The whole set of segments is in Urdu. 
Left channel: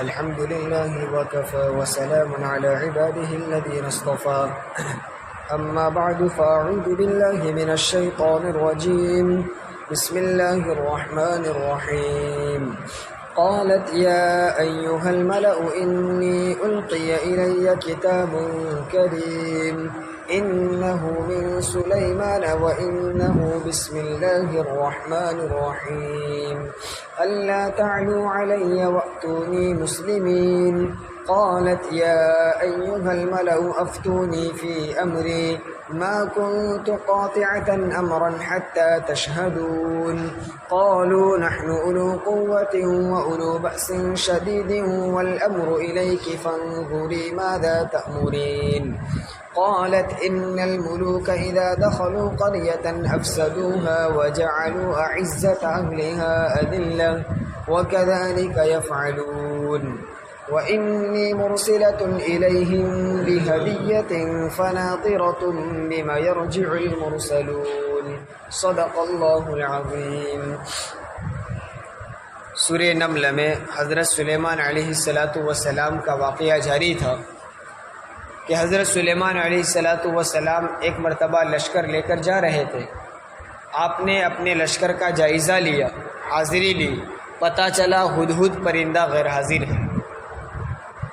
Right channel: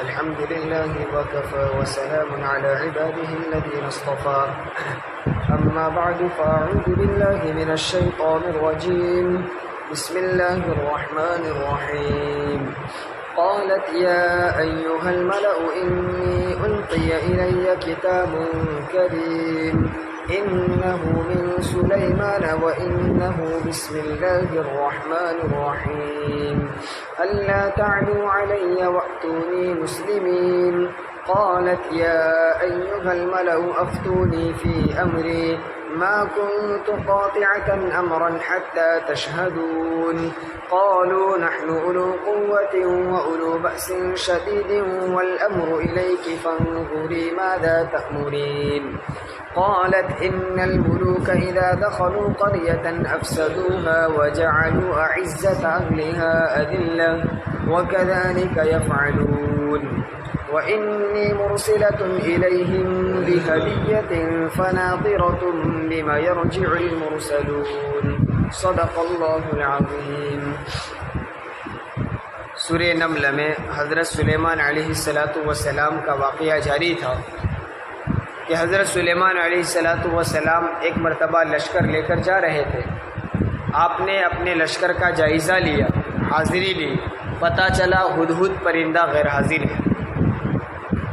الحمد لله وكفى وسلام على عباده الذين اصطفى أما بعد فأعوذ بالله من الشيطان الرجيم بسم الله الرحمن الرحيم قالت يا أيها الملأ إني ألقي إلي كتاب كريم إنه من سليمان وإنه بسم الله الرحمن الرحيم ألا تعلوا علي وأتوني مسلمين قالت يا أيها الملأ أفتوني في أمري ما كنت قاطعة أمرا حتى تشهدون قالوا نحن أولو قوة وأولو بأس شديد والأمر إليك فانظري ماذا تأمرين قالت إن الملوك إذا دخلوا قرية أفسدوها وجعلوا أعزة أهلها أذلة وكذلك يفعلون وإني مرسلة إليهم بهدية فناظرة بما يرجع المرسلون صدق اللہ العظیم۔ سورہ نمل میں حضرت سلیمان علیہ السلام کا واقعہ جاری تھا کہ حضرت سلیمان علیہ السلام ایک مرتبہ لشکر لے کر جا رہے تھے۔ آپ نے اپنے لشکر کا جائزہ لیا، حاضری لی، پتہ چلا ہدہد پرندہ غیر حاضر ہے۔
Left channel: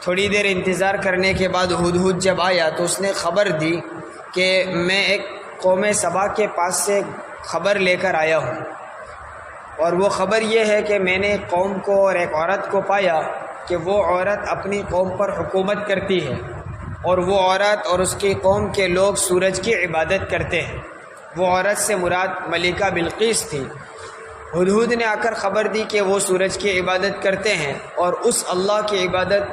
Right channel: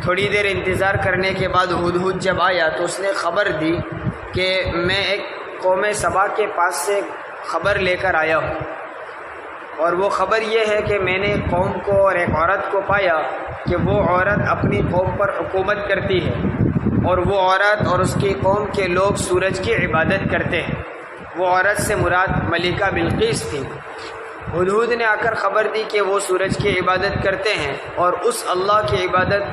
تھوڑی دیر انتظار کرنے کے بعد ہدہد جب آیا تو اس نے خبر دی کہ میں ایک قوم سبا کے پاس سے خبر لے کر آیا ہوں، اور وہ خبر یہ ہے کہ میں نے قوم کو اور ایک عورت کو پایا کہ وہ عورت اپنی قوم پر حکومت کرتی ہے، اور وہ عورت اور اس کی قوم کے لوگ سورج کی عبادت کرتے ہیں۔ وہ عورت سے مراد ملکہ بلقیس تھی۔ ہدہد نے آ کر خبر دی کہ وہ سورج کی عبادت کرتے ہیں اور اس اللہ کی عبادت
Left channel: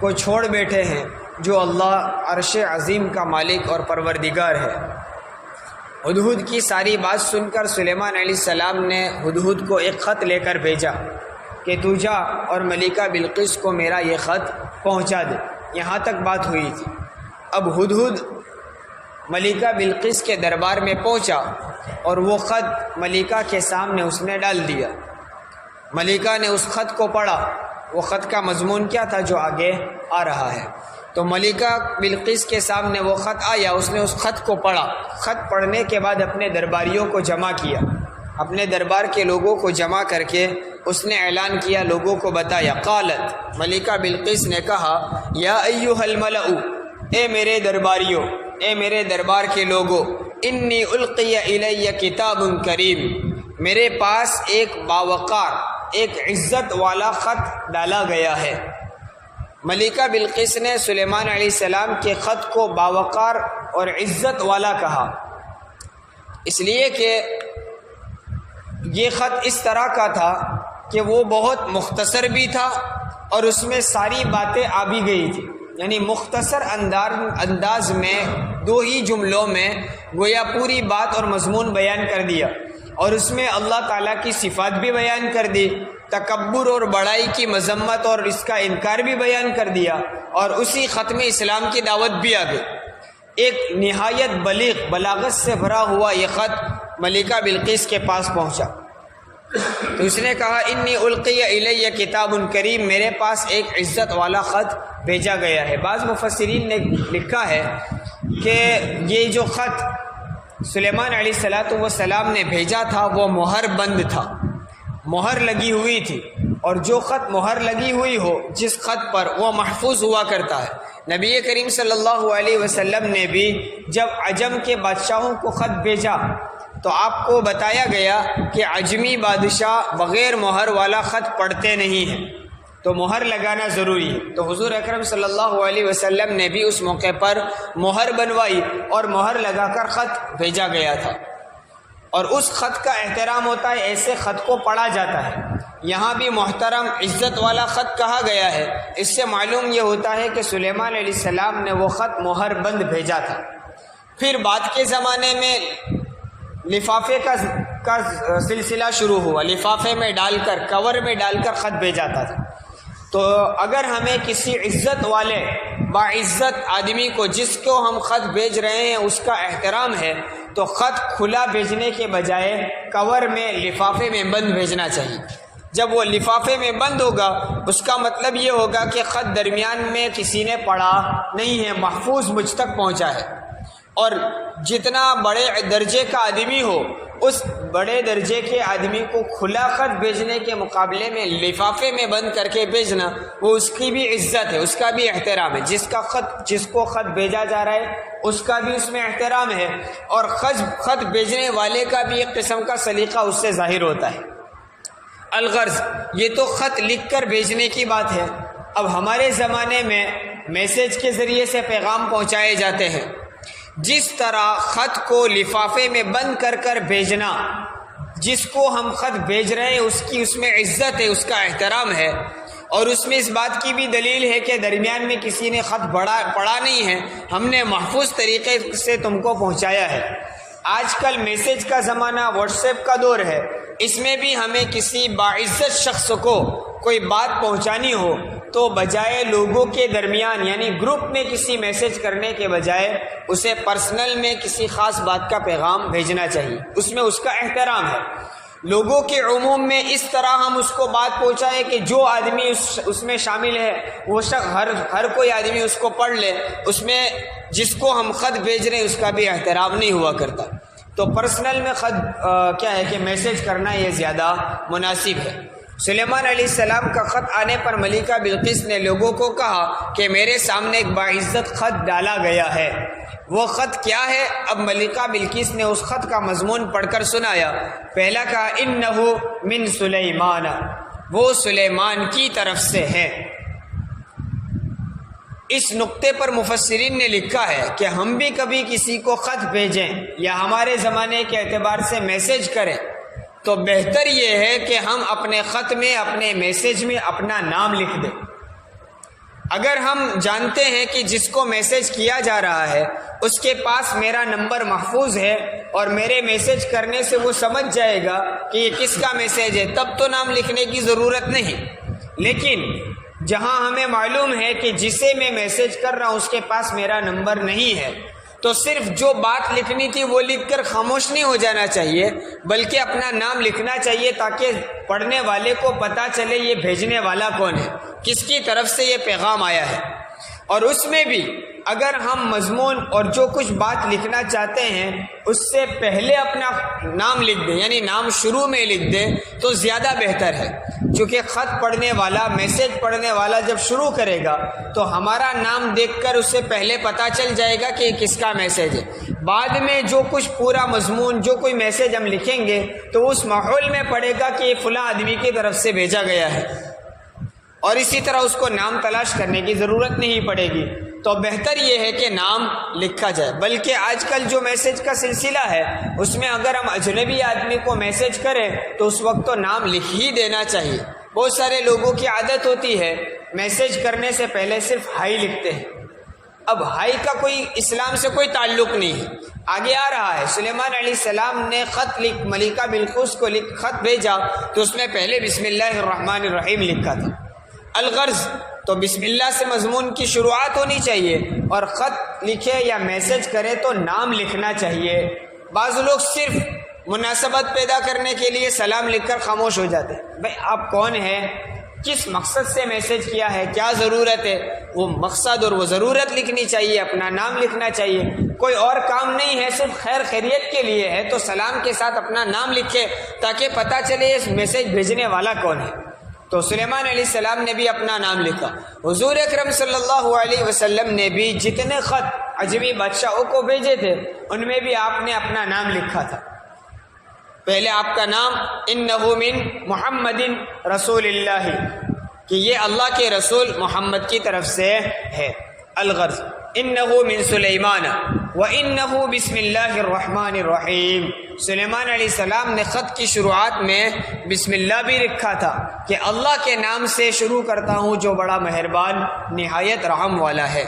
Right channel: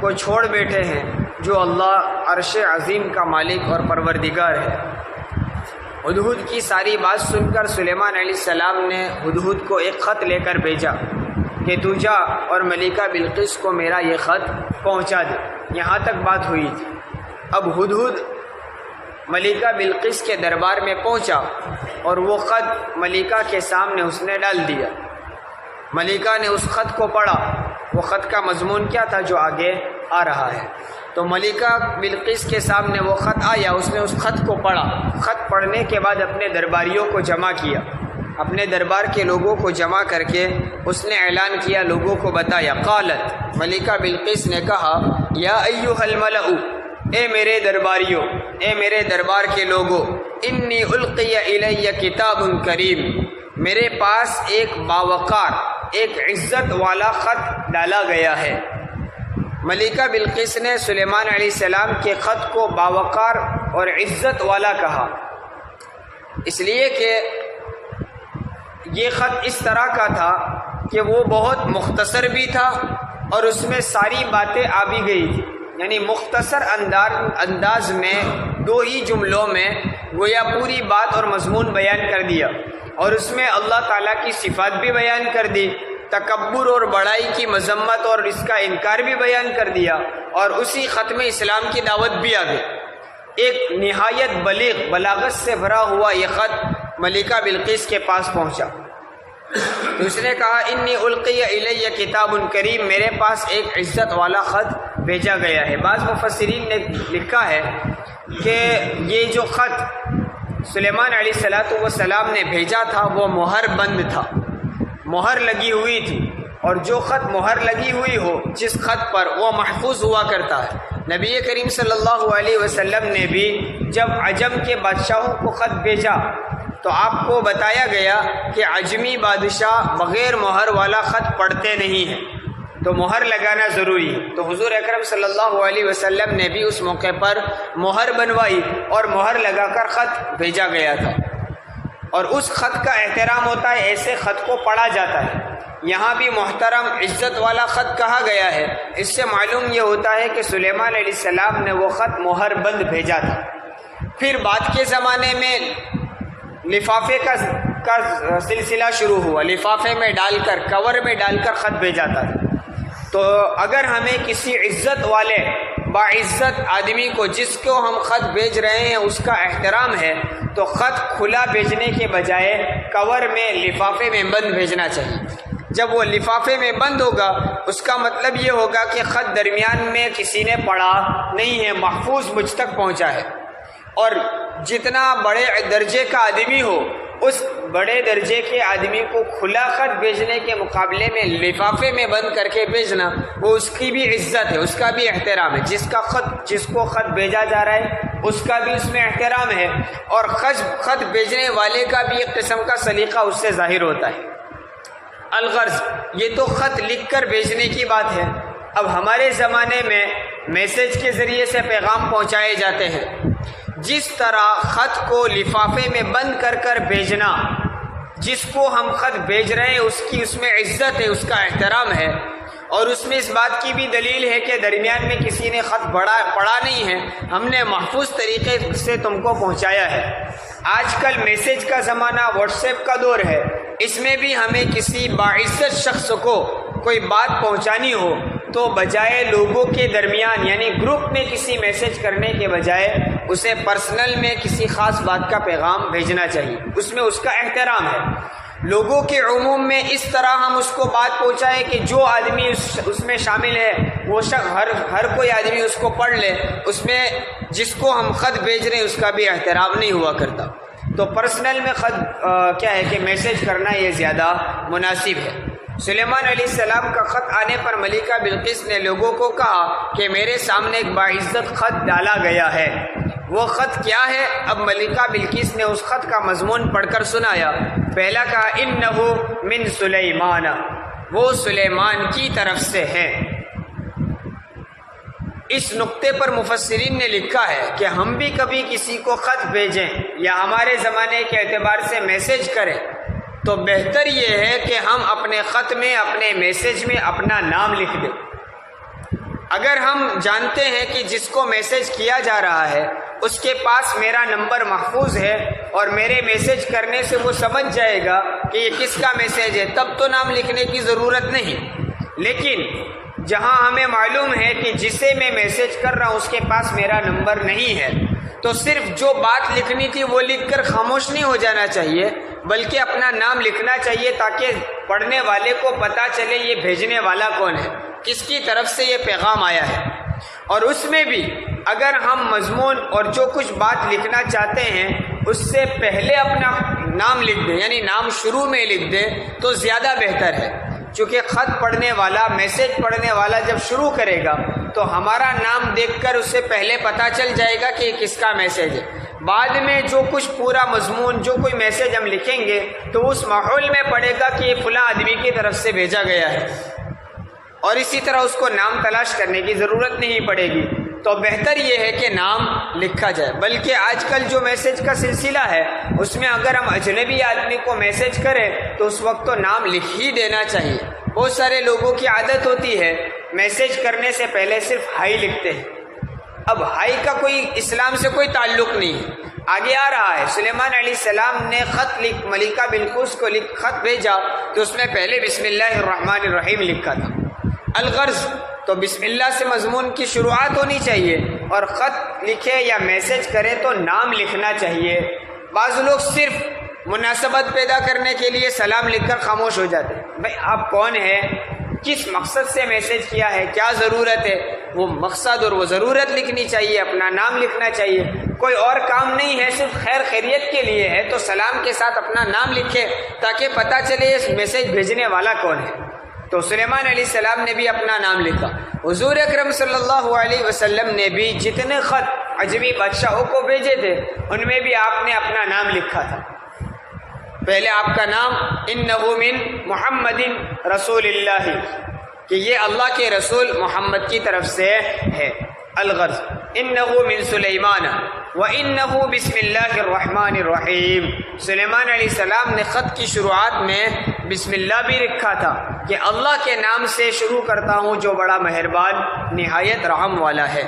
کو چھوڑ بیٹھے ہیں جو اللہ عرش عظیم کا مالک اور پروردگار ہے۔ ہدہد کی ساری بات سن کر سلیمان علیہ السلام نے ہدہد کو ایک خط لے کر بھیجا کہ تو جا اور ملکہ بلقیس کو میرا یہ خط پہنچا دے۔ یہاں تک بات ہوئی تھی۔ اب ہدہد ملکہ بلقیس کے دربار میں پہنچا اور وہ خط ملکہ کے سامنے اس نے ڈال دیا۔ ملکہ نے اس خط کو پڑھا۔ وہ خط کا مضمون کیا تھا جو آگے آ رہا ہے؟ تو ملکہ بلقیس کے سامنے وہ خط آیا، اس نے اس خط کو پڑھا۔ خط پڑھنے کے بعد اپنے درباریوں کو جمع کیا، اپنے دربار کے لوگوں کو جمع کر کے اس نے اعلان کیا، لوگوں کو بتایا۔ قالت، ملکہ بلقیس نے کہا، یا ایھا الملأ، اے میرے درباریوں، اے میرے دربار کے لوگوں، انی القی الی کتاب کریم، میرے پاس ایک باوقار، ایک عزت والا خط ڈالا گیا ہے۔ ملکہ بلقیس نے سلیمان علیہ السلام کے خط کو باوقار اور عزت والا کہا، اس لیے کہ یہ خط اس طرح کا تھا کہ وہ بہت مختصر بھی تھا اور اس میں ساری باتیں آ بھی گئی تھی، یعنی مختصر انداز میں 2 ہی جملوں میں گویا پوری بات اور مضمون بیان کر دیا، اور اس میں اللہ تعالیٰ کی صفات بھی بیان کر دی، تکبر اور بڑائی کی مذمت اور اس کا انکار بھی بیان کر دیا، اور اسی خط میں اسلام کی دعوت بھی آ گئی۔ ایک نہایت بلیغ، بلاغت سے بھرا ہوا یہ خط ملکہ بلقیس کے پاس پہنچا۔ اس نے کہا، انی القی الی کتاب کریم، میرے پاس ایک عزت والا خط بھیجا گیا ہے۔ بعض مفسرین نے لکھا ہے کہ یہ جو خط سلیمان علیہ السلام نے بھیجا تھا وہ مہر بند تھا، مہر لگی ہوئی تھی، اور جو خط مہر لگی ہوئی ہو جس خط پر، وہ محفوظ ہوا کرتا ہے۔ نبی کریم صلی اللہ علیہ وسلم نے بھی جب عجم کے بادشاہوں کو خط بھیجا تو آپ کو بتایا گیا کہ عجمی بادشاہ بغیر مہر والا خط پڑھتے نہیں ہیں، تو مہر لگانا ضروری ہے۔ تو حضور اکرم صلی اللہ علیہ وسلم نے بھی اس موقع پر مہر بنوائی اور مہر لگا کر خط بھیجا گیا تھا، اور اس خط کا احترام ہوتا ہے، ایسے خط کو پڑھا جاتا ہے۔ یہاں بھی محترم عزت والا خط کہا گیا ہے۔ اس سے معلوم یہ ہوتا ہے کہ سلیمان علیہ السلام نے وہ خط مہر بند بھیجا تھا۔ پھر بعد کے زمانے میں لفافے کا سلسلہ شروع ہوا، لفافے میں ڈال کر، کور میں ڈال کر خط بھیجا تھا۔ تو اگر ہمیں کسی عزت والے باعزت آدمی کو جس کو ہم خط بھیج رہے ہیں اس کا احترام ہے تو خط کھلا بھیجنے کے بجائے کور میں، لفافے میں بند بھیجنا چاہیے۔ جب وہ لفافے میں بند ہوگا اس کا مطلب یہ ہوگا کہ خط درمیان میں کسی نے پڑھا نہیں ہے، محفوظ مجھ تک پہنچا ہے۔ اور جتنا بڑے درجے کا آدمی ہو، اس بڑے درجے کے آدمی کو کھلا خط بھیجنے کے مقابلے میں لفافے میں بند کر کے بھیجنا، وہ اس کی بھی عزت ہے، اس کا بھی احترام ہے۔ جس کو خط بھیجا جا رہا ہے اس کا بھی اس میں احترام ہے، اور خط بھیجنے والے کا بھی ایک قسم کا سلیقہ اس سے ظاہر ہوتا ہے۔ الغرض، یہ تو خط لکھ کر بھیجنے کی بات ہے۔ اب ہمارے زمانے میں میسج کے ذریعے سے پیغام پہنچائے جاتے ہیں۔ جس طرح خط کو لفافے میں بند کر کر بھیجنا، جس کو ہم خط بھیج رہے ہیں اس میں عزت ہے، اس کا احترام ہے، اور اس میں اس بات کی بھی دلیل ہے کہ درمیان میں کسی نے خط پڑھا نہیں ہے، ہم نے محفوظ طریقے سے تم کو پہنچایا ہے۔ آج کل میسج کا زمانہ، واٹس ایپ کا دور ہے، اس میں بھی ہمیں کسی باعزت شخص کو کوئی بات پہنچانی ہو تو بجائے لوگوں کے درمیان یعنی گروپ میں کسی میسج کرنے کے بجائے اسے پرسنل میں کسی خاص بات کا پیغام بھیجنا چاہیے، اس میں اس کا احترام ہے۔ لوگوں کے عموم میں اس طرح ہم اس کو بات پہنچائے کہ جو آدمی اس میں شامل ہے وہ ہر کوئی آدمی اس کو پڑھ لے، اس میں جس کو ہم خط بھیج رہے ہیں اس کا بھی احترام نہیں ہوا کرتا۔ تو پرسنل میں خط کیا ہے کہ میسج کرنا یہ زیادہ مناسب ہے۔ سلیمان علیہ السلام کا خط آنے پر ملکہ بلقیس نے لوگوں کو کہا کہ میرے سامنے ایک باعزت خط ڈالا گیا ہے۔ وہ خط کیا ہے؟ اب ملکہ بلقیس نے اس خط کا مضمون پڑھ کر سنایا۔ پہلا کہا انہ من سلیمان، وہ سلیمان کی طرف سے ہے۔ اس نقطے پر مفسرین نے لکھا ہے کہ ہم بھی کبھی کسی کو خط بھیجیں یا ہمارے زمانے کے اعتبار سے میسج کریں تو بہتر یہ ہے کہ ہم اپنے خط میں، اپنے میسج میں اپنا نام لکھ دیں۔ اگر ہم جانتے ہیں کہ جس کو میسج کیا جا رہا ہے اس کے پاس میرا نمبر محفوظ ہے اور میرے میسج کرنے سے وہ سمجھ جائے گا کہ یہ کس کا میسج ہے، تب تو نام لکھنے کی ضرورت نہیں۔ لیکن جہاں ہمیں معلوم ہے کہ جسے میں میسج کر رہا ہوں اس کے پاس میرا نمبر نہیں ہے، تو صرف جو بات لکھنی تھی وہ لکھ کر خاموش نہیں ہو جانا چاہیے، بلکہ اپنا نام لکھنا چاہیے تاکہ پڑھنے والے کو پتہ چلے یہ بھیجنے والا کون ہے، کس کی طرف سے یہ پیغام آیا ہے۔ اور اس میں بھی اگر ہم مضمون اور جو کچھ بات لکھنا چاہتے ہیں اس سے پہلے اپنا نام لکھ دیں، یعنی نام شروع میں لکھ دیں تو زیادہ بہتر ہے، چونکہ خط پڑھنے والا، میسج پڑھنے والا جب شروع کرے گا تو ہمارا نام دیکھ کر اس سے پہلے پتہ چل جائے گا کہ یہ کس کا میسج ہے۔ بعد میں جو کچھ پورا مضمون، جو کوئی میسج ہم لکھیں گے تو اس ماحول میں پڑے گا کہ یہ فلاں آدمی کی طرف سے بھیجا گیا ہے، اور اسی طرح اس کو نام تلاش کرنے کی ضرورت نہیں پڑے گی۔ تو بہتر یہ ہے کہ نام لکھا جائے۔ بلکہ آج کل جو میسج کا سلسلہ ہے اس میں اگر ہم اجنبی آدمی کو میسج کریں تو اس وقت تو نام لکھ ہی دینا چاہیے۔ بہت سارے لوگوں کی عادت ہوتی ہے میسج کرنے سے پہلے صرف ہائی لکھتے ہیں۔ اب ہائی کا کوئی اسلام سے کوئی تعلق نہیں ہے۔ آگے آ رہا ہے سلیمان علیہ السلام نے خط ملکہ بلقیس کو خط بھیجا تو اس میں پہلے بسم اللہ الرحمن الرحیم لکھا تھا۔ الغرض تو بسم اللہ سے مضمون کی شروعات ہونی چاہیے، اور خط لکھے یا میسج کرے تو نام لکھنا چاہیے۔ بعض لوگ صرف مناسبت پیدا کرنے کے لیے سلام لکھ کر خاموش ہو جاتے ہیں۔ بھائی آپ کون ہیں، کس مقصد سے میسج کیا ہے، کیا ضرورت ہے، وہ مقصد اور وہ ضرورت لکھنی چاہیے، اپنا نام لکھنا چاہیے۔ کوئی اور کام نہیں ہے، صرف خیر خیریت کے لیے ہے تو سلام کے ساتھ اپنا نام لکھے تاکہ پتہ چلے اس میسج بھیجنے والا کون ہے۔ تو سلیمان علیہ السلام نے بھی اپنا نام لکھا۔ حضور اکرم صلی اللہ علیہ وسلم نے بھی جتنے خط عجمی بادشاہوں کو بھیجے تھے ان میں بھی آپ نے اپنا نام لکھا تھا۔ پہلے آپ کا نام انہ من محمد رسول اللہ، کہ یہ اللہ کے رسول محمد کی طرف سے ہے۔ الغرض انہ من سلیمان وانہ بسم اللہ الرحمن الرحیم۔ سلیمان علیہ السلام نے خط کی شروعات میں بسم اللہ بھی لکھا تھا کہ اللہ کے نام سے شروع کرتا ہوں جو بڑا مہربان نہایت رحم والا ہے۔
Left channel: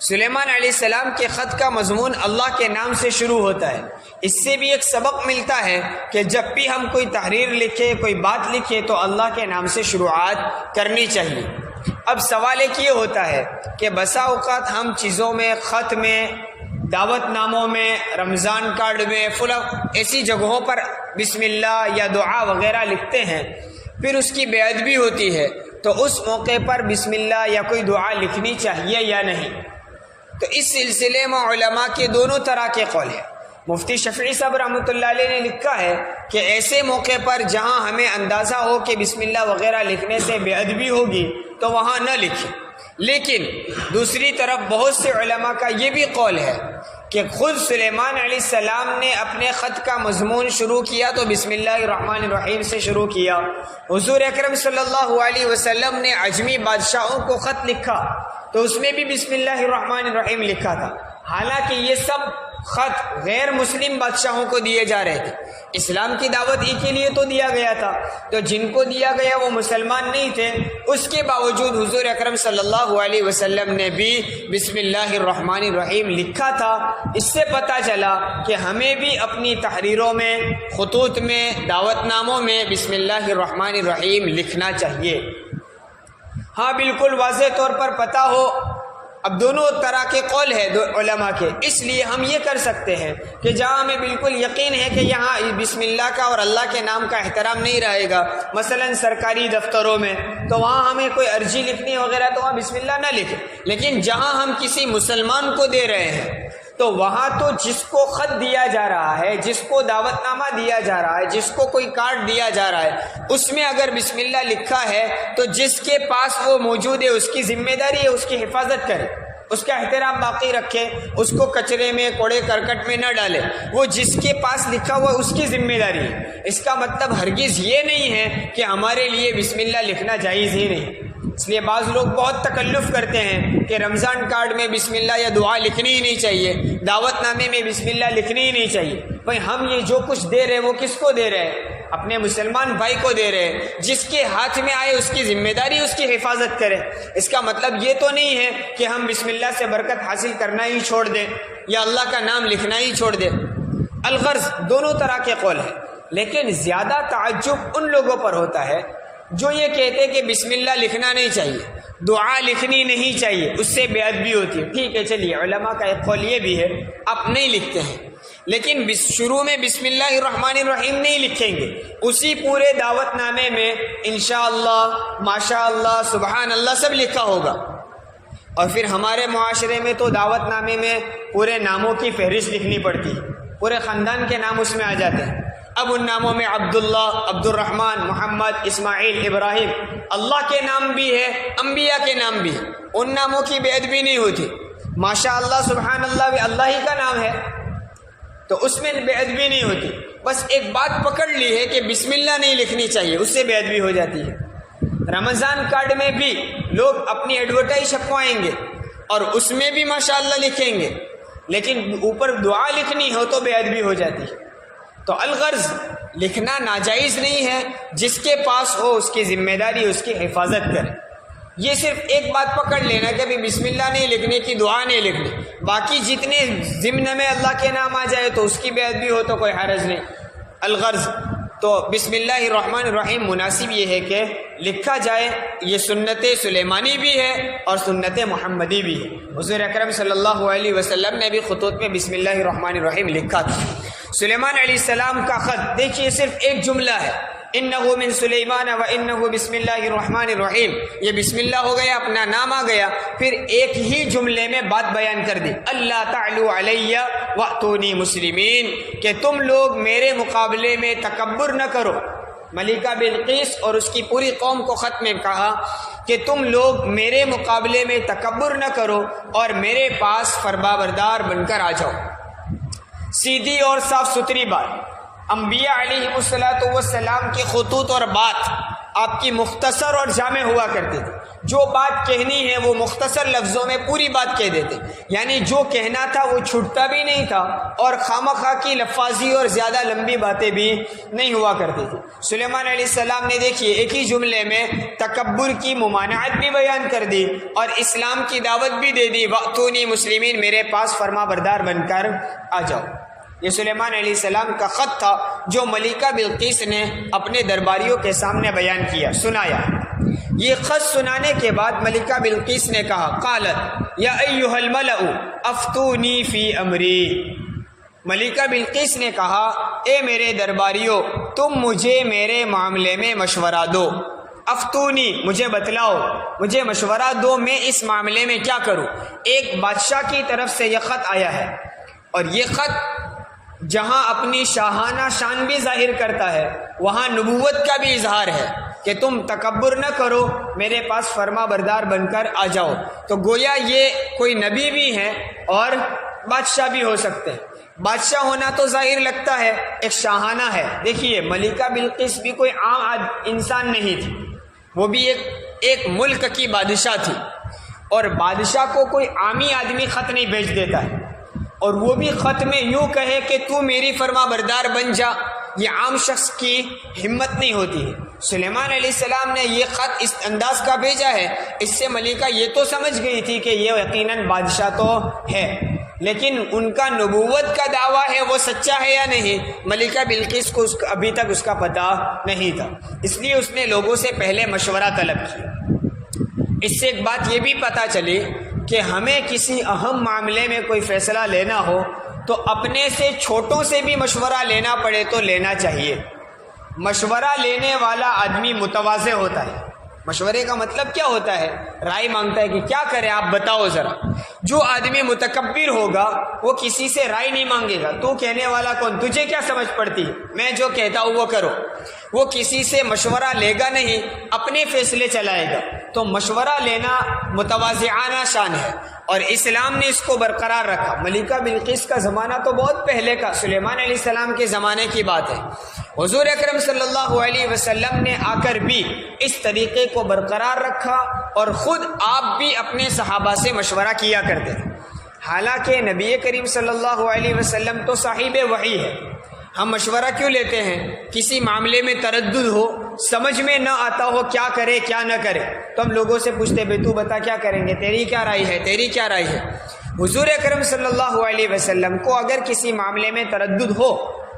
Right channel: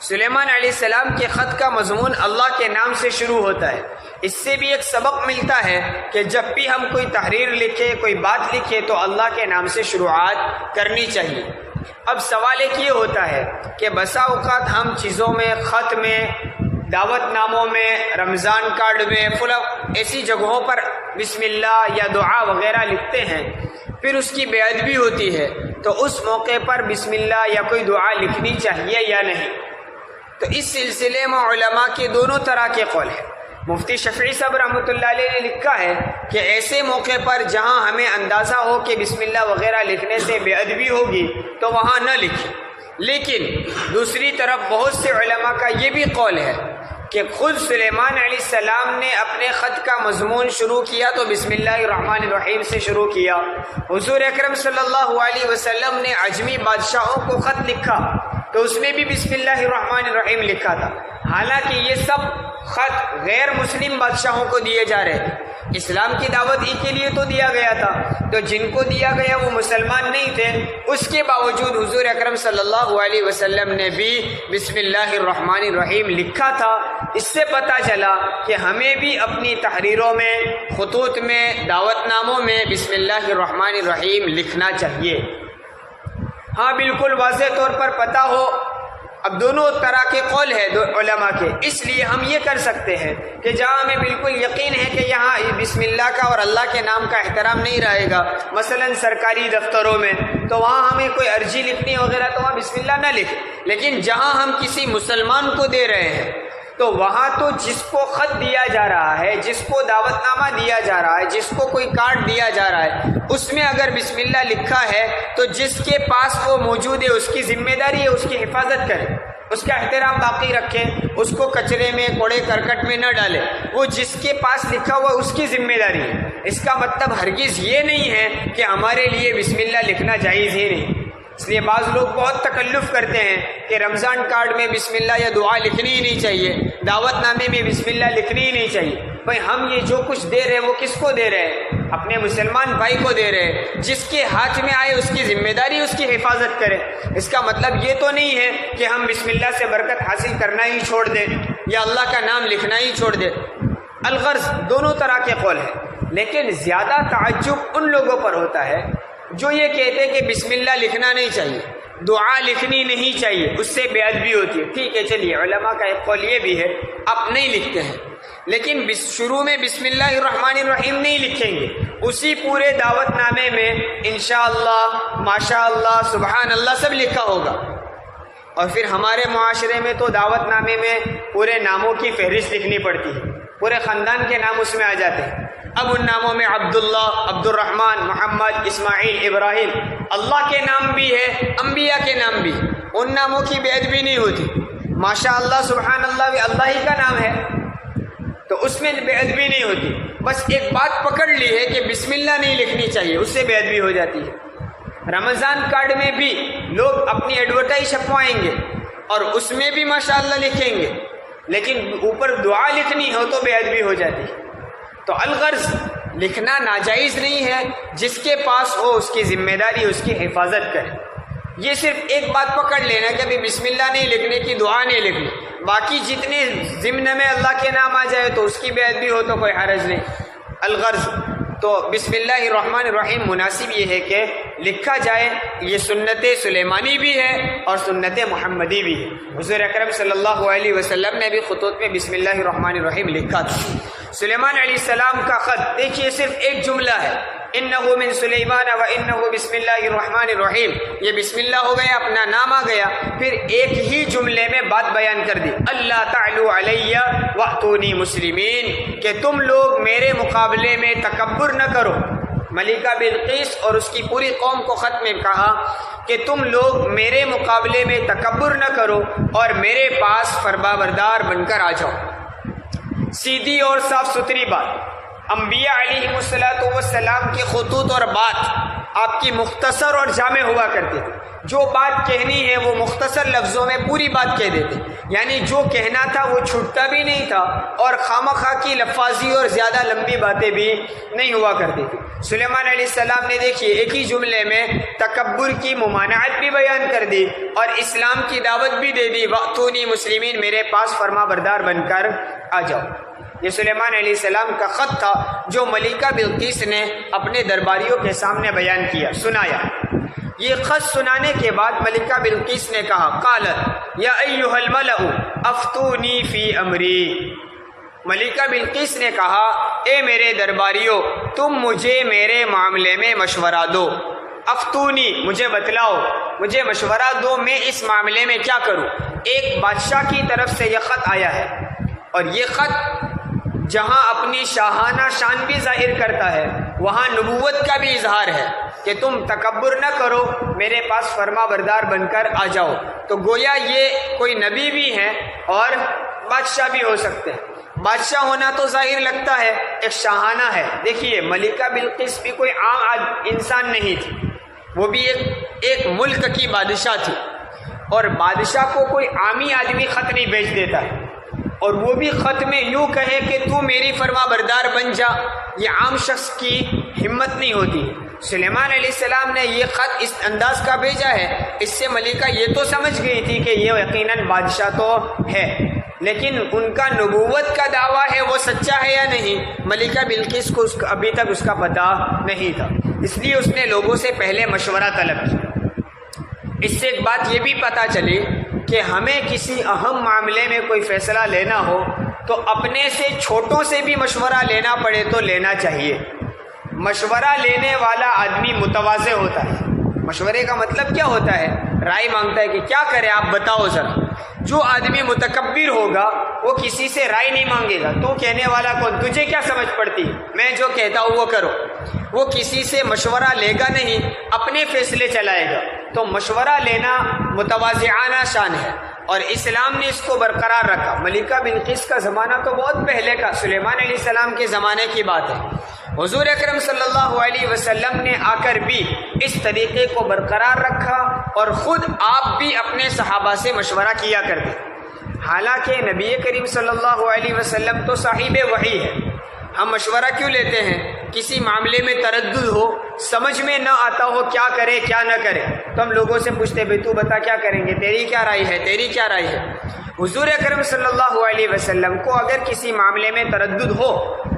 سلیمان علیہ السلام کے خط کا مضمون اللہ کے نام سے شروع ہوتا ہے۔ اس سے بھی ایک سبق ملتا ہے کہ جب بھی ہم کوئی تحریر لکھے، کوئی بات لکھے تو اللہ کے نام سے شروعات کرنی چاہیے۔ اب سوال ایک یہ ہوتا ہے کہ بسا اوقات ہم چیزوں میں، خط میں، دعوت ناموں میں، رمضان کارڈ میں، ایسی جگہوں پر بسم اللہ یا دعا وغیرہ لکھتے ہیں، پھر اس کی بے ادبی ہوتی ہے تو اس موقع پر بسم اللہ یا کوئی دعا لکھنی چاہیے یا نہیں؟ تو اس سلسلے میں علماء کے دونوں طرح کے قول ہیں۔ مفتی شفیعی صاحب رحمۃ اللہ علیہ نے لکھا ہے کہ ایسے موقع پر جہاں ہمیں اندازہ ہو کہ بسم اللہ وغیرہ لکھنے سے بے ادبی ہوگی تو وہاں نہ لکھیں، لیکن دوسری طرف بہت سے علماء کا یہ بھی قول ہے کہ خود سلیمان علیہ السلام نے اپنے خط کا مضمون شروع کیا تو بسم اللہ الرحمن الرحیم سے شروع کیا۔ حضور اکرم صلی اللہ علیہ وسلم نے عجمی بادشاہوں کو خط لکھا تو اس میں بھی بسم اللہ الرحمن الرحیم لکھا تھا، حالانکہ یہ سب خط غیر مسلم بادشاہوں کو دیے جا رہے تھے۔ اسلام کی دعوت ہی کے لیے تو دیا گیا تھا، تو جن کو دیا گیا وہ مسلمان نہیں تھے، اس کے باوجود حضور اکرم صلی اللہ علیہ وسلم نے بھی بسم اللہ الرحمن الرحیم لکھا تھا۔ اس سے پتہ چلا کہ ہمیں بھی اپنی تحریروں میں، خطوط میں، دعوت ناموں میں بسم اللہ الرحمن الرحیم لکھنا چاہیے۔ ہاں بالکل واضح طور پر پتہ ہو، اب دونوں طرح کے قول ہے علماء کے، اس لیے ہم یہ کر سکتے ہیں کہ جہاں ہمیں بالکل یقین ہے کہ یہاں بسم اللہ کا اور اللہ کے نام کا احترام نہیں رہے گا، مثلا سرکاری دفتروں میں، تو وہاں ہمیں کوئی عرضی لکھنی وغیرہ تو وہاں بسم اللہ نہ لکھیں، لیکن جہاں ہم کسی مسلمان کو دے رہے ہیں تو وہاں تو جس کو خط دیا جا رہا ہے، جس کو دعوت نامہ دیا جا رہا ہے، جس کو کوئی کارڈ دیا جا رہا ہے، اس میں اگر بسم اللہ لکھا ہے تو جس کے پاس وہ موجود ہے اس کی ذمہ داری ہے اس کی حفاظت کرے، اس کا احترام باقی رکھے، اس کو کچرے میں، کوڑے کرکٹ میں نہ ڈالے، وہ جس کے پاس لکھا ہوا اس کی ذمہ داری ہے۔ اس کا مطلب ہرگز یہ نہیں ہے کہ ہمارے لیے بسم اللہ لکھنا جائز ہی نہیں۔ اس لیے بعض لوگ بہت تکلف کرتے ہیں کہ رمضان کارڈ میں بسم اللہ یا دعا لکھنی ہی نہیں چاہیے، دعوت نامے میں بسم اللہ لکھنی ہی نہیں چاہیے۔ بھائی ہم یہ جو کچھ دے رہے ہیں وہ کس کو دے رہے ہیں؟ اپنے مسلمان بھائی کو دے رہے ہیں، جس کے ہاتھ میں آئے اس کی ذمہ داری اس کی حفاظت کرے۔ اس کا مطلب یہ تو نہیں ہے کہ ہم بسم اللہ سے برکت حاصل کرنا ہی چھوڑ دیں یا اللہ کا نام لکھنا ہی چھوڑ دیں۔ الغرض دونوں طرح کے قول ہیں، لیکن زیادہ تعجب ان لوگوں پر ہوتا ہے جو یہ کہتے ہیں کہ بسم اللہ لکھنا نہیں چاہیے، دعا لکھنی نہیں چاہیے، اس سے بے ادبی ہوتی ہے۔ ٹھیک ہے، چلیے، علماء کا ایک قول یہ بھی ہے آپ نہیں لکھتے ہیں، لیکن شروع میں بسم اللہ الرحمن الرحیم نہیں لکھیں گے، اسی پورے دعوت نامے میں انشاءاللہ، ماشاءاللہ، سبحان اللہ سب لکھا ہوگا۔ اور پھر ہمارے معاشرے میں تو دعوت نامے میں پورے ناموں کی فہرست لکھنی پڑتی ہے، پورے خاندان کے نام اس میں آ جاتے ہیں۔ اب ان ناموں میں عبداللہ، عبد الرحمن، محمد، اسماعیل، ابراہیم، اللہ کے نام بھی ہے، انبیاء کے نام بھی، ان ناموں کی بے ادبی نہیں ہوتی۔ ماشاءاللہ، سبحان اللہ بھی اللہ ہی کا نام ہے تو اس میں بے ادبی نہیں ہوتی۔ بس ایک بات پکڑ لی ہے کہ بسم اللہ نہیں لکھنی چاہیے، اس سے بے ادبی ہو جاتی ہے۔ رمضان کارڈ میں بھی لوگ اپنی ایڈورٹائز چھپوائیں گے اور اس میں بھی ماشاءاللہ لکھیں گے، لیکن اوپر دعا لکھنی ہو تو بے ادبی ہو جاتی ہے۔ تو الغرض لکھنا ناجائز نہیں ہے، جس کے پاس ہو اس کی ذمہ داری اس کی حفاظت کرے۔ یہ صرف ایک بات پکڑ لینا کہ بسم اللہ نہیں لکھنے کی، دعا نہیں لکھنی، باقی جتنے ضمن میں اللہ کے نام آ جائے تو اس کی بے ادبی ہو تو کوئی حرج نہیں۔ الغرض تو بسم اللہ الرحمن الرحیم مناسب یہ ہے کہ لکھا جائے، یہ سنت سلیمانی بھی ہے اور سنت محمدی بھی ہے۔ حضور اکرم صلی اللہ علیہ وسلم نے بھی خطوط میں بسم اللہ الرحمن الرحیم لکھا تھا۔ سلیمان علیہ السلام کا خط دیکھیے، صرف ایک جملہ ہے، انہ من سلیمان و انہ بسم اللہ الرحمن الرحیم، یہ بسم اللہ ہو گیا، اپنا نام آ گیا، پھر ایک ہی جملے میں بات بیان کر دی، اللہ تعلو علیہ واتونی مسلمین، کہ تم لوگ میرے مقابلے میں تکبر نہ کرو۔ ملکہ بلقیس اور اس کی پوری قوم کو خط میں کہا کہ تم لوگ میرے مقابلے میں تکبر نہ کرو اور میرے پاس فرمانبردار بن کر آ جاؤ۔ سیدھی اور صاف ستھری بات، انبیاء علیہ السلام کی خطوط اور بات آپ کی مختصر اور جامع ہوا کرتے تھے۔ جو بات کہنی ہے وہ مختصر لفظوں میں پوری بات کہہ دیتے، یعنی جو کہنا تھا وہ چھوٹتا بھی نہیں تھا اور خامخواہ کی لفاظی اور زیادہ لمبی باتیں بھی نہیں ہوا کرتی تھی۔ سلیمان علیہ السلام نے دیکھیے ایک ہی جملے میں تکبر کی ممانعت بھی بیان کر دی اور اسلام کی دعوت بھی دے دی، واتونی مسلمین، میرے پاس فرما بردار بن کر آ جاؤ۔ یہ سلیمان علیہ السلام کا خط تھا جو ملکہ بلقیس نے اپنے درباریوں کے سامنے بیان کیا، سنایا۔ یہ خط سنانے کے بعد ملکہ بلقیس نے کہا، قالت یا ایھا الملأ افتونی فی امری، ملکہ بلقیس نے کہا، اے میرے درباریوں، تم مجھے میرے معاملے میں مشورہ دو، افتونی مجھے بتلاؤ، مجھے مشورہ دو میں اس معاملے میں کیا کروں۔ ایک بادشاہ کی طرف سے یہ خط آیا ہے، اور یہ خط جہاں اپنی شاہانہ شان بھی ظاہر کرتا ہے وہاں نبوت کا بھی اظہار ہے کہ تم تکبر نہ کرو، میرے پاس فرما بردار بن کر آ جاؤ۔ تو گویا یہ کوئی نبی بھی ہیں اور بادشاہ بھی ہو سکتے ہیں۔ بادشاہ ہونا تو ظاہر لگتا ہے، ایک شاہانہ ہے۔ دیکھیے ملکہ بلقیس بھی کوئی عام انسان نہیں تھی، وہ بھی ایک ملک کی بادشاہ تھی، اور بادشاہ کو کوئی عامی آدمی خط نہیں بھیج دیتا ہے، اور وہ بھی خط میں یوں کہے کہ تو میری فرما بردار بن جا، یہ عام شخص کی ہمت نہیں ہوتی ہے۔ سلیمان علیہ السلام نے یہ خط اس انداز کا بھیجا ہے، اس سے ملکہ یہ تو سمجھ گئی تھی کہ یہ یقیناً بادشاہ تو ہے، لیکن ان کا نبوت کا دعویٰ ہے وہ سچا ہے یا نہیں، ملکہ بلقیس کو ابھی تک اس کا پتہ نہیں تھا، اس لیے اس نے لوگوں سے پہلے مشورہ طلب کیا۔ اس سے ایک بات یہ بھی پتہ چلی کہ ہمیں کسی اہم معاملے میں کوئی فیصلہ لینا ہو تو اپنے سے چھوٹوں سے بھی مشورہ لینا پڑے تو لینا چاہیے۔ مشورہ لینے والا آدمی متواضع ہوتا ہے۔ مشورے کا مطلب کیا ہوتا ہے؟ رائے مانگتا ہے کہ کیا کرے آپ بتاؤ ذرا۔ جو آدمی متکبر ہوگا وہ کسی سے رائے نہیں مانگے گا، تو کہنے والا کون، تجھے کیا سمجھ پڑتی ہے، میں جو کہتا ہوں وہ کرو۔ وہ کسی سے مشورہ لے گا نہیں، اپنے فیصلے چلائے گا۔ تو مشورہ لینا متواضعانہ شان ہے، اور اسلام نے اس کو برقرار رکھا۔ ملکہ بلقیس کا زمانہ تو بہت پہلے کا، سلیمان علیہ السلام کے زمانے کی بات ہے۔ حضور اکرم صلی اللہ علیہ وسلم نے آ کر بھی اس طریقے کو برقرار رکھا، اور خود آپ بھی اپنے صحابہ سے مشورہ کیا کرتے تھے۔ حالانکہ نبی کریم صلی اللہ علیہ وسلم تو صاحب وحی ہے، ہم مشورہ کیوں لیتے ہیں؟ کسی معاملے میں تردد ہو، سمجھ میں نہ آتا ہو کیا کرے کیا نہ کرے، تو ہم لوگوں سے پوچھتے بھائی تو بتا کیا کریں گے، تیری کیا رائے ہے، تیری کیا رائے ہے۔ حضور اکرم صلی اللہ علیہ وسلم کو اگر کسی معاملے میں تردد ہو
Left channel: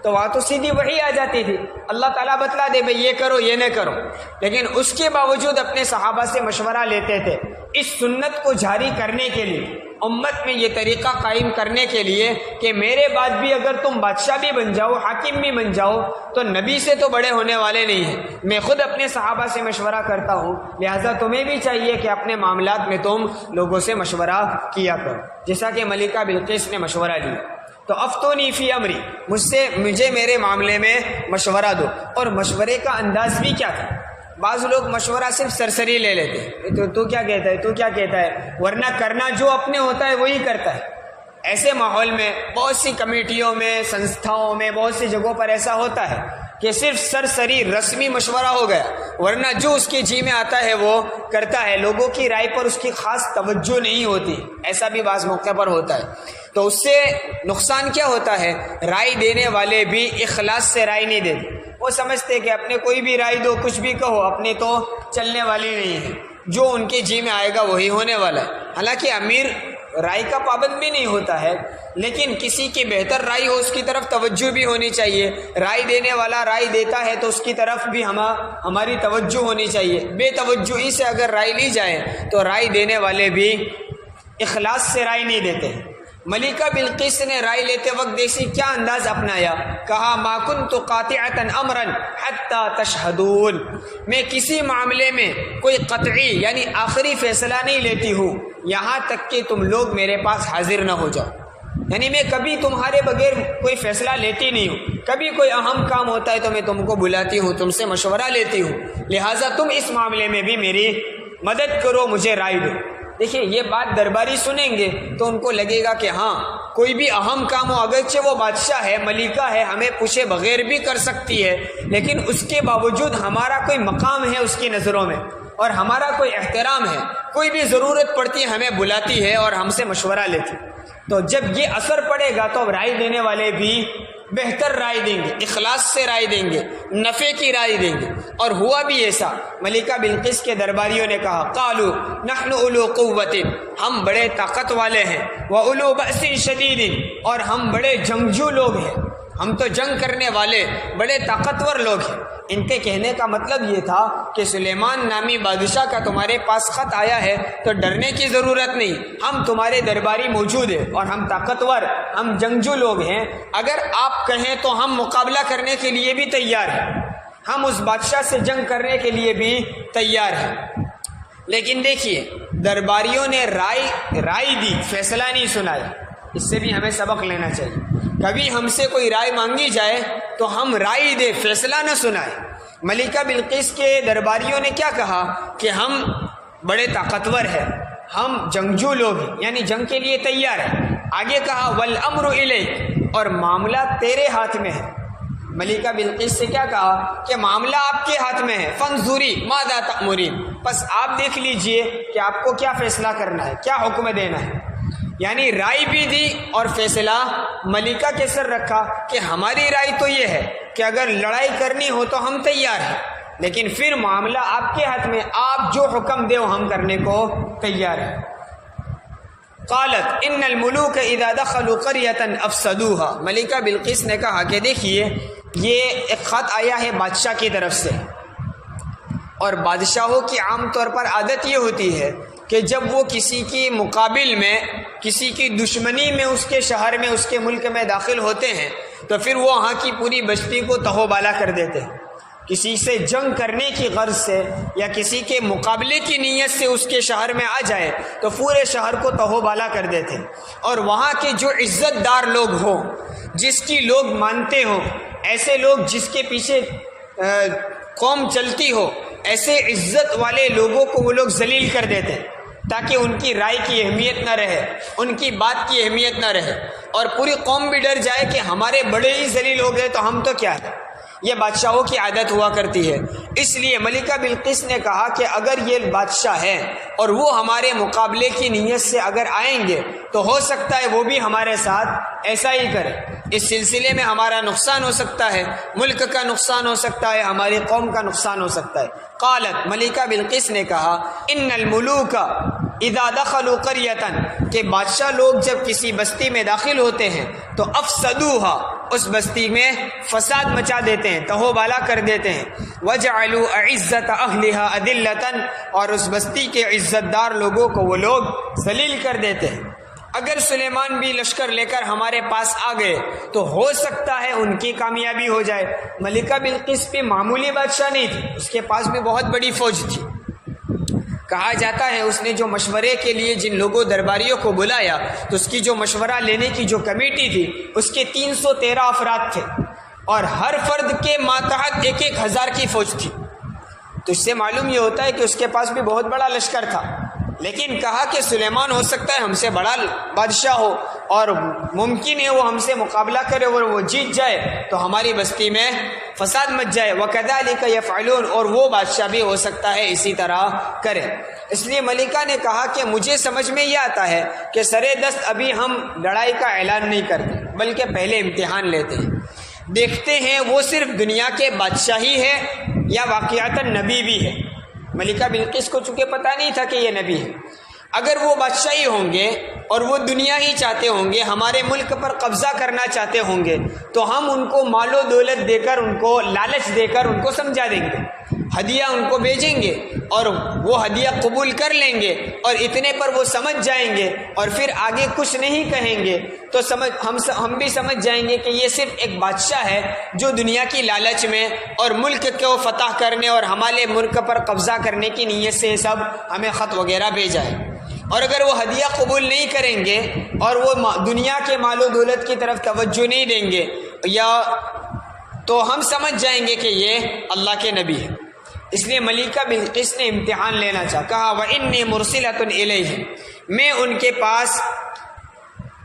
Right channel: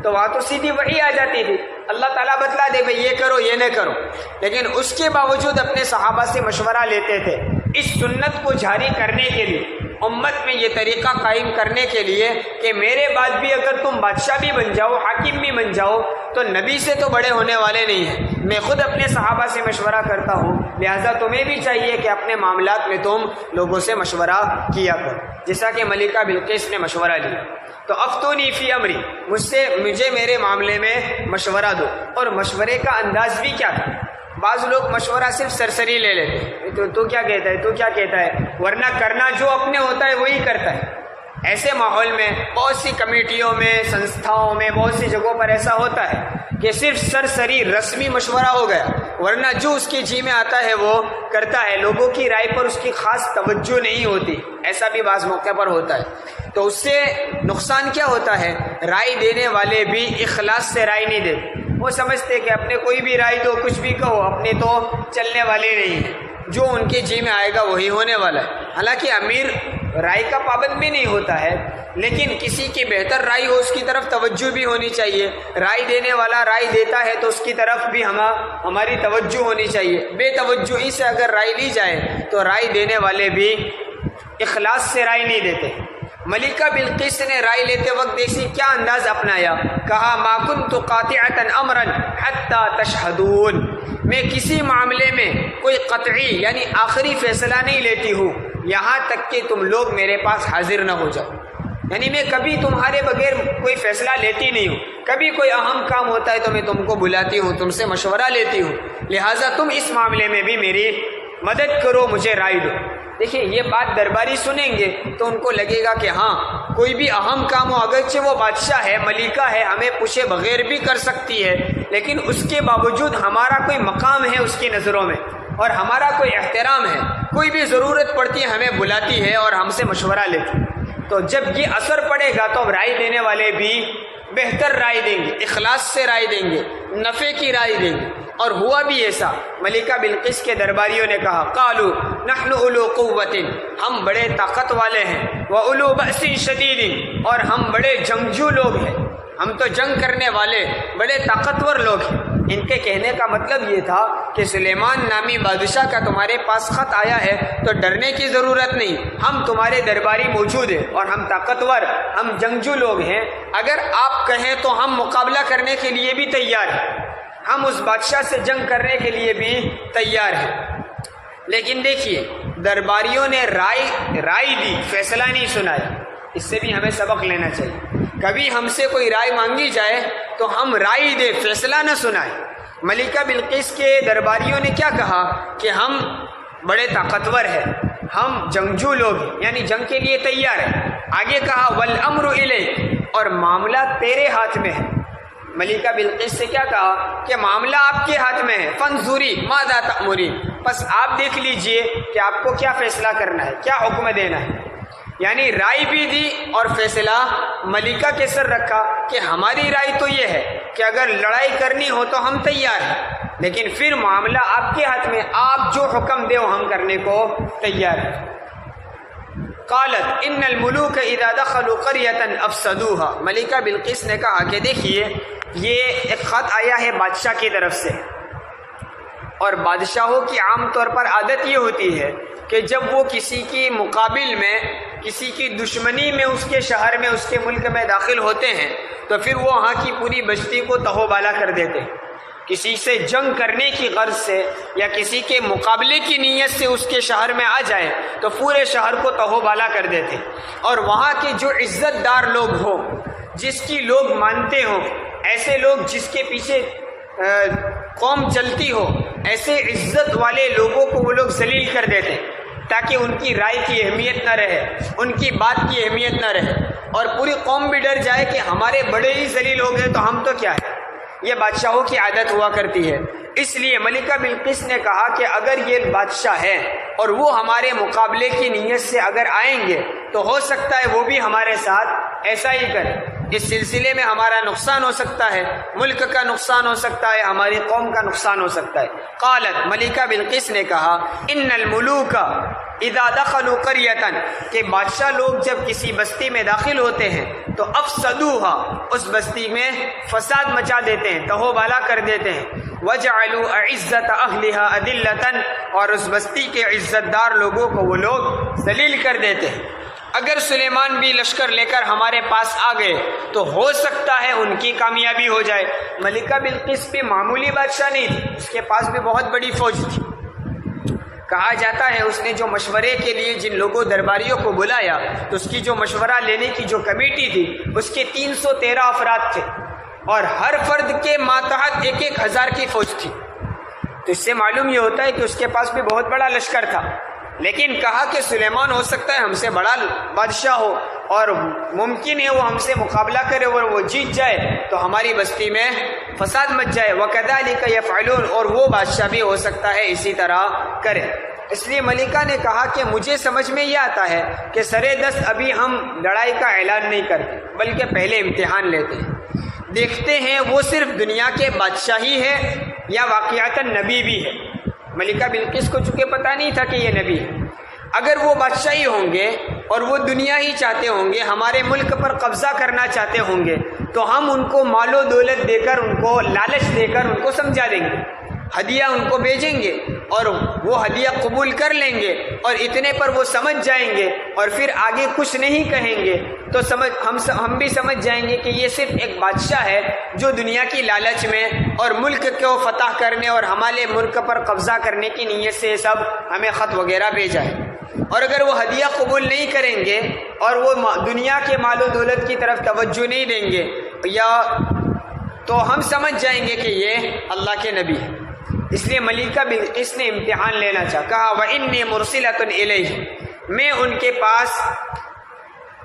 تو وہاں تو سیدھی وحی آ جاتی تھی، اللہ تعالیٰ بتلا دے بھائی یہ کرو یہ نہ کرو، لیکن اس کے باوجود اپنے صحابہ سے مشورہ لیتے تھے۔ اس سنت کو جاری کرنے کے لیے، امت میں یہ طریقہ قائم کرنے کے لیے کہ میرے بعد بھی اگر تم بادشاہ بھی بن جاؤ، حاکم بھی بن جاؤ، تو نبی سے تو بڑے ہونے والے نہیں ہیں۔ میں خود اپنے صحابہ سے مشورہ کرتا ہوں، لہٰذا تمہیں بھی چاہیے کہ اپنے معاملات میں تم لوگوں سے مشورہ کیا کرو، جیسا کہ ملکہ بلقیس نے مشورہ لیا۔ تو افتونی فی امری، مجھے میرے معاملے میں مشورہ دو۔ اور مشورے کا انداز بھی کیا تھا؟ بعض لوگ مشورہ صرف سرسری لے لیتے ہیں، تو کیا کہتا ہے، تو کیا کہتا ہے، ورنہ کرنا جو اپنے ہوتا ہے وہی کرتا ہے۔ ایسے ماحول میں بہت سی کمیٹیوں میں، سنستھاؤں میں، بہت سی جگہوں پر ایسا ہوتا ہے کہ صرف سرسری رسمی مشورہ ہو گیا، ورنہ جو اس کے جی میں آتا ہے وہ کرتا ہے، لوگوں کی رائے پر اس کی خاص توجہ نہیں ہوتی۔ ایسا بھی بعض موقع پر ہوتا ہے۔ تو اس سے نقصان کیا ہوتا ہے؟ رائے دینے والے بھی اخلاص سے رائے نہیں دیتے، وہ سمجھتے کہ اپنے کوئی بھی رائے دو، کچھ بھی کہو، اپنے تو چلنے والے نہیں ہیں، جو ان کے جی میں آئے گا وہی ہونے والا ہے۔ حالانکہ امیر رائے کا پابند بھی نہیں ہوتا ہے، لیکن کسی کی بہتر رائے ہو اس کی طرف توجہ بھی ہونی چاہیے۔ رائے دینے والا رائے دیتا ہے تو اس کی طرف بھی ہماری توجہ ہونی چاہیے۔ بے توجہی سے اگر رائے لی جائے تو رائے دینے والے بھی اخلاص سے رائے نہیں دیتے ہیں۔ ملکہ بلقیس نے رائے لیتے وقت دیکھی کیا انداز اپنایا، کہا ما کنت قاطعۃ امرا حتی تشہدون، میں کسی معاملے میں کوئی قطعی یعنی آخری فیصلہ نہیں لیتی ہوں یہاں تک کہ تم لوگ میرے پاس حاضر نہ ہو جاؤ۔ یعنی میں کبھی تمہارے بغیر کوئی فیصلہ لیتی نہیں ہوں، کبھی کوئی اہم کام ہوتا ہے تو میں تم کو بلاتی ہوں، تم سے مشورہ لیتی ہوں، لہٰذا تم اس معاملے میں بھی میری مدد کرو، مجھے رائے دو۔ دیکھیں یہ بات درباری سنیں گے تو ان کو لگے گا کہ ہاں کوئی بھی اہم کام ہو، اگرچہ وہ بادشاہ ہے، ملکہ ہے، ہمیں پوچھے بغیر بھی کر سکتی ہے، لیکن اس کے باوجود ہمارا کوئی مقام ہے اس کی نظروں میں، اور ہمارا کوئی احترام ہے، کوئی بھی ضرورت پڑتی ہے ہمیں بلاتی ہے اور ہم سے مشورہ لیتی ہے۔ تو جب یہ اثر پڑے گا تو رائے دینے والے بھی بہتر رائے دیں گے، اخلاص سے رائے دیں گے، نفع کی رائے دیں گے۔ اور ہوا بھی ایسا، ملکہ بلقیس کے درباریوں نے کہا قالوا نحن اولو قوت، ہم بڑے طاقت والے ہیں، واولو بأس شدید، اور ہم بڑے جنگجو لوگ ہیں، ہم تو جنگ کرنے والے بڑے طاقتور لوگ ہیں۔ ان کے کہنے کا مطلب یہ تھا کہ سلیمان نامی بادشاہ کا تمہارے پاس خط آیا ہے تو ڈرنے کی ضرورت نہیں، ہم تمہارے درباری موجود ہیں اور ہم طاقتور، ہم جنگجو لوگ ہیں، اگر آپ کہیں تو ہم مقابلہ کرنے کے لیے بھی تیار ہیں، ہم اس بادشاہ سے جنگ کرنے کے لیے بھی تیار ہیں۔ لیکن دیکھیے درباریوں نے رائے دی، فیصلہ نہیں سنایا۔ اس سے بھی ہمیں سبق لینا چاہیے، کبھی ہم سے کوئی رائے مانگی جائے تو ہم رائے دے، فیصلہ نہ سنائے۔ ملکہ بلقیس کے درباریوں نے کیا کہا کہ ہم بڑے طاقتور ہیں، ہم جنگجو لوگ ہیں، یعنی جنگ کے لیے تیار ہیں۔ آگے کہا والامر الیک، اور معاملہ تیرے ہاتھ میں ہے۔ ملکہ بلقیس سے کیا کہا کہ معاملہ آپ کے ہاتھ میں ہے، فانظری ماذا تأمرین، بس آپ دیکھ لیجئے کہ آپ کو کیا فیصلہ کرنا ہے، کیا حکم دینا ہے۔ یعنی رائے بھی دی اور فیصلہ ملکہ کے سر رکھا کہ ہماری رائے تو یہ ہے کہ اگر لڑائی کرنی ہو تو ہم تیار ہیں، لیکن پھر معاملہ آپ کے ہاتھ میں، آپ جو حکم دے وہ ہم کرنے کو تیار ہیں۔ قالت ان الملوک اذا دخلوا قریۃ افسدوها، ملکہ بلقیس نے کہا کہ دیکھیے یہ ایک خط آیا ہے بادشاہ کی طرف سے، اور بادشاہوں کی عام طور پر عادت یہ ہوتی ہے کہ جب وہ کسی کی مقابل میں، کسی کی دشمنی میں اس کے شہر میں، اس کے ملک میں داخل ہوتے ہیں تو پھر وہ وہاں کی پوری بستی کو تہو بالا کر دیتے ہیں۔ کسی سے جنگ کرنے کی غرض سے یا کسی کے مقابلے کی نیت سے اس کے شہر میں آ جائے تو پورے شہر کو تہو بالا کر دیتے ہیں، اور وہاں کے جو عزت دار لوگ ہوں، جس کی لوگ مانتے ہوں، ایسے لوگ جس کے پیچھے قوم چلتی ہو، ایسے عزت والے لوگوں کو وہ لوگ ذلیل کر دیتے ہیں تاکہ ان کی رائے کی اہمیت نہ رہے، ان کی بات کی اہمیت نہ رہے، اور پوری قوم بھی ڈر جائے کہ ہمارے بڑے ہی ذلیل ہو گئے تو ہم تو کیا ہے۔ یہ بادشاہوں کی عادت ہوا کرتی ہے۔ اس لیے ملکہ بلقیس نے کہا کہ اگر یہ بادشاہ ہے اور وہ ہمارے مقابلے کی نیت سے اگر آئیں گے تو ہو سکتا ہے وہ بھی ہمارے ساتھ ایسا ہی کرے، اس سلسلے میں ہمارا نقصان ہو سکتا ہے، ملک کا نقصان ہو سکتا ہے، ہماری قوم کا نقصان ہو سکتا ہے۔ قالت، ملکہ بلقیس نے کہا ان الملوک اذا دخلوا قریۃ، کہ بادشاہ لوگ جب کسی بستی میں داخل ہوتے ہیں تو افسدوها، اس بستی میں فساد مچا دیتے ہیں، تہو بالا کر دیتے ہیں، وجعلوا اعزت اہلها اذلۃ، اور اس بستی کے عزت دار لوگوں کو وہ لوگ ذلیل کر دیتے ہیں۔ اگر سلیمان بھی لشکر لے کر ہمارے پاس آ گئے تو ہو سکتا ہے ان کی کامیابی ہو جائے۔ ملکہ بلقیس بھی معمولی بادشاہ نہیں تھی، اس کے پاس بھی بہت بڑی فوج تھی۔ کہا جاتا ہے اس نے جو مشورے کے لیے جن لوگوں درباریوں کو بلایا تو اس کی جو مشورہ لینے کی جو کمیٹی تھی اس کے 313 افراد تھے، اور ہر فرد کے ماتحت 1000 کی فوج تھی۔ تو اس سے معلوم یہ ہوتا ہے کہ اس کے پاس بھی بہت بڑا لشکر تھا، لیکن کہا کہ سلیمان ہو سکتا ہے ہم سے بڑا بادشاہ ہو اور ممکن ہے وہ ہم سے مقابلہ کرے اور وہ جیت جائے تو ہماری بستی میں فساد مچ جائے، وَكَذَلِكَ يَفْعَلُونَ، اور وہ بادشاہ بھی ہو سکتا ہے اسی طرح کرے۔ اس لیے ملکہ نے کہا کہ مجھے سمجھ میں یہ آتا ہے کہ سرے دست ابھی ہم لڑائی کا اعلان نہیں کرتے بلکہ پہلے امتحان لیتے ہیں، دیکھتے ہیں وہ صرف دنیا کے بادشاہ ہی ہے یا واقعتاً نبی بھی ہے۔ ملکہ بلقیس کو چونکہ پتہ نہیں تھا کہ یہ نبی ہے، اگر وہ بادشاہی ہوں گے اور وہ دنیا ہی چاہتے ہوں گے، ہمارے ملک پر قبضہ کرنا چاہتے ہوں گے تو ہم ان کو مال و دولت دے کر، ان کو لالچ دے کر ان کو سمجھا دیں گے، ہدیہ ان کو بھیجیں گے اور وہ ہدیہ قبول کر لیں گے اور اتنے پر وہ سمجھ جائیں گے اور پھر آگے کچھ نہیں کہیں گے تو ہم بھی سمجھ جائیں گے کہ یہ صرف ایک بادشاہ ہے جو دنیا کی لالچ میں اور ملک کو فتح کرنے اور ہمارے ملک پر قبضہ کرنے کی نیت سے سب ہمیں خط وغیرہ بھیجا ہے۔ اور اگر وہ ہدیہ قبول نہیں کریں گے اور وہ دنیا کے مال و دولت کی طرف توجہ نہیں دیں گے یا تو ہم سمجھ جائیں گے کہ یہ اللہ کے نبی ہے۔ اس لیے ملکہ بلقیس نے امتحان لینا چاہا، کہا وَإِنِّي مُرْسِلَةٌ إِلَيْهِمْ، میں ان کے پاس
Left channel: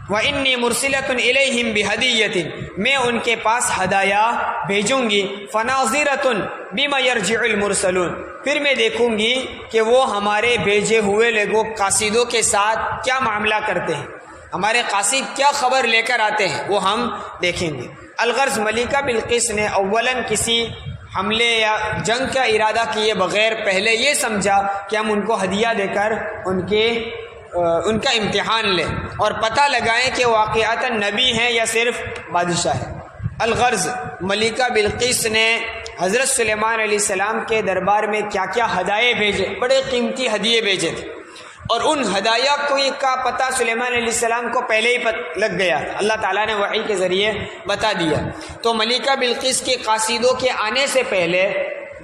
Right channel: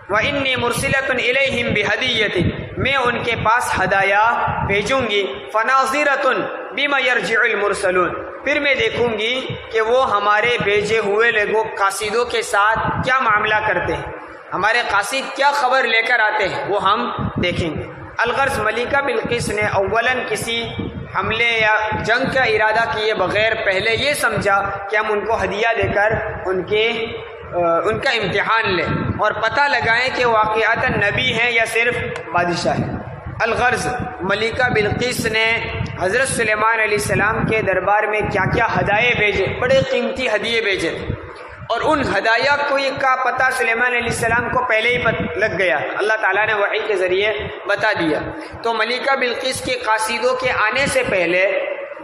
وَإِنِّي مُرْسِلَةٌ إِلَيْهِمْ بِهَدِيَّةٍ، میں ان کے پاس ہدایہ بھیجوں گی، فَنَاظِرَةٌ بِمَا يَرْجِعُ الْمُرْسَلُونَ، پھر میں دیکھوں گی کہ وہ ہمارے بھیجے ہوئے لوگوں قاصدوں کے ساتھ کیا معاملہ کرتے ہیں، ہمارے قاصد کیا خبر لے کر آتے ہیں وہ ہم دیکھیں گے۔ الغرض ملکہ بلقیس نے اولاً کسی حملے یا جنگ کا ارادہ کیے بغیر پہلے یہ سمجھا کہ ہم ان کو ہدیہ دے کر ان کا امتحان لیں اور پتہ لگائیں کہ واقعتاً نبی ہیں یا صرف بادشاہ ہیں۔ الغرض ملکہ بلقیس نے حضرت سلیمان علیہ السلام کے دربار میں کیا کیا ہدایے بھیجے، بڑے قیمتی ہدیے بھیجے تھے، اور ان ہدایہ کا پتہ سلیمان علیہ السلام کو پہلے ہی لگ گیا، اللہ تعالیٰ نے وحی کے ذریعے بتا دیا۔ تو ملکہ بلقیس کے قاصدوں کے آنے سے پہلے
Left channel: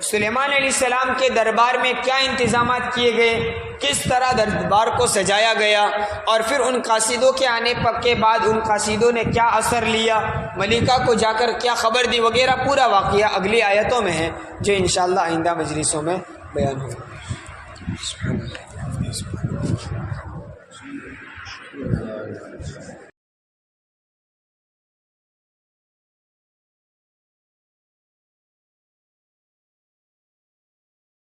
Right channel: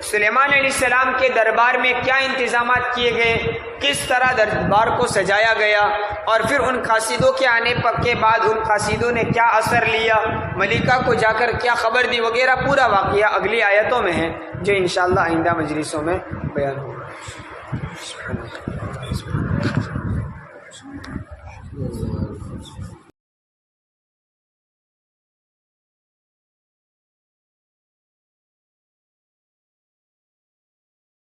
سلیمان علیہ السلام کے دربار میں کیا انتظامات کیے گئے، کس طرح دربار کو سجایا گیا، اور پھر ان قاصدوں کے آنے کے بعد ان قاصدوں نے کیا اثر لیا، ملکہ کو جا کر کیا خبر دی وغیرہ، پورا واقعہ اگلی آیتوں میں ہے جو انشاءاللہ آئندہ مجلسوں میں بیان ہوگا۔